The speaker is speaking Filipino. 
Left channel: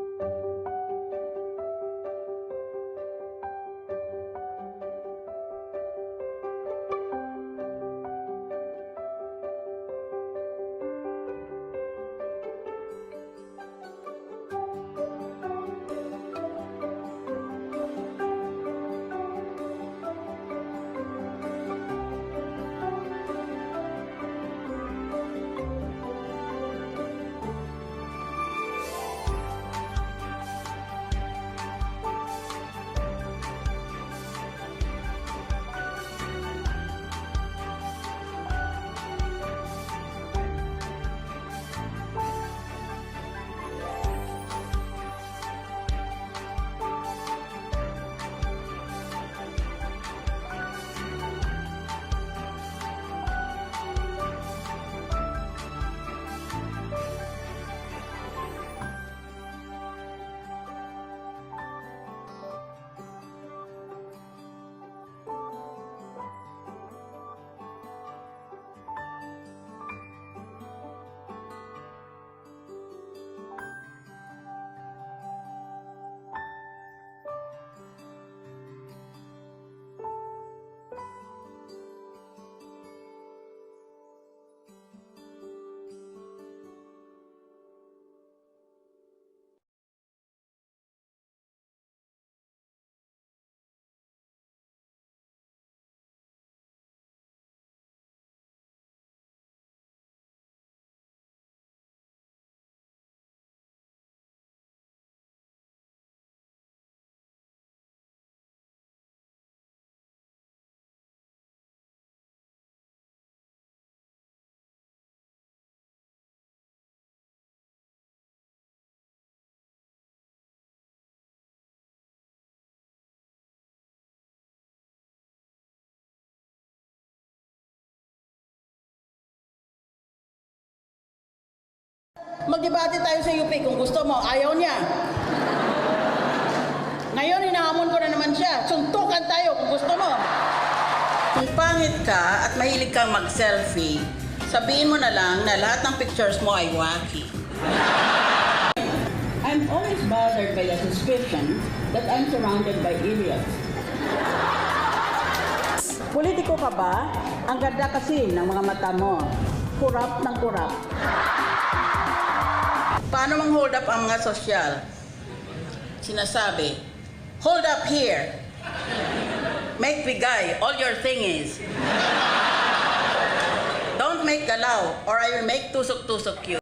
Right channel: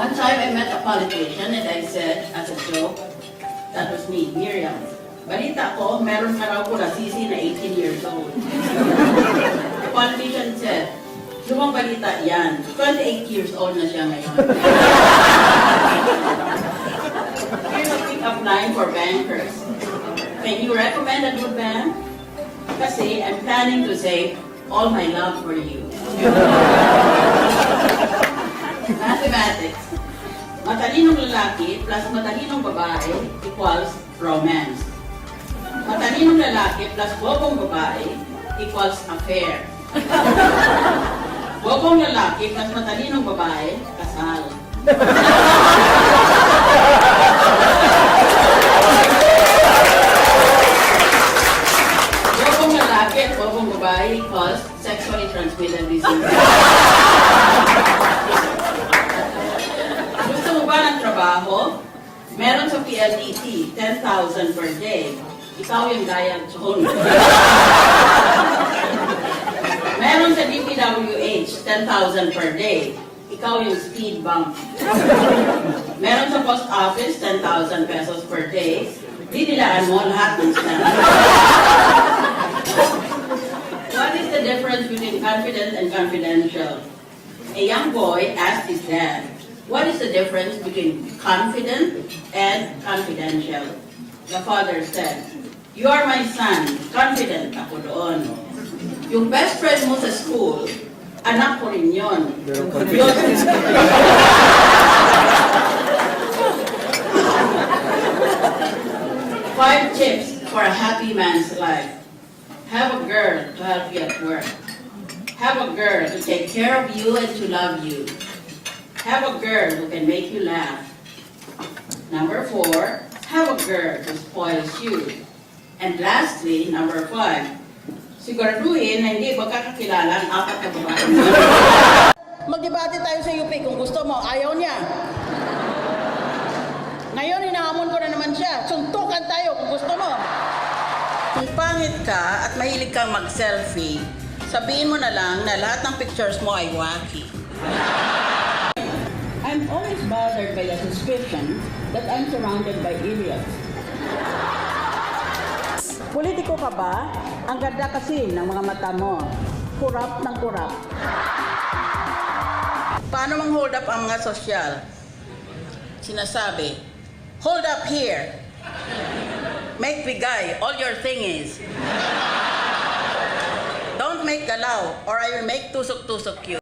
One time I met a politician and I said, as a joke, that was me, Miriam. Balita ko, meron ka raw pula sisi na 18 years old. The politician said, lumang balita yan, 28 years old na siya ngayon. Here's a pick-up line for bankers. Can you recommend a good bank? Kasi I'm planning to save all my love for you. Mathematics. Matalinong lalaki plus matalinong babae equals romance. Matalinong lalaki plus bobong babae equals affair. Bobong lalaki plus matalinong babae, kasal. Bobong lalaki at bobong babae equals sexually transmitted disease. Gusto mo ba ng trabaho? Meron sa PLDT, 10,000 per day. Ikaw yung Diane Chon. Meron sa DPWH, 10,000 per day. Ikaw yung speed bump. Meron sa post office, 10,000 pesos per day. Dinilaan mo lahat ng stamp. What is the difference between confident and confidential? A young boy asked his dad, what is the difference between confident and confidential? The father said, you are my son, confident ako doon. Yung best friend mo sa school, anak ko rin yun. Five tips for a happy man's life. Have a girl to help you at work. Have a girl to take care of you and to love you. Have a girl who can make you laugh. Number 4, have a girl who spoils you. And lastly, number 5, siguraduhin na hindi magkakakilala ang 4 na babae. Magdebate tayo sa UP kung gusto mo. Ayaw niya. Ngayon, hinahamon ko na naman siya. Suntukan tayo kung gusto mo. Kung pangit ka at mahilig kang mag-selfie, sabihin mo na lang na lahat ng pictures mo ay wacky. I'm always bothered by the suspicion that I'm surrounded by idiots. Politiko ka ba? Ang ganda kasi ng mga mata mo. Kurap ng kurap. Paano mang hold up ang mga sosyal? Sinasabi, hold up here. Make bigay, all your thing is. Don't make galaw or I will make tusok-tusok you.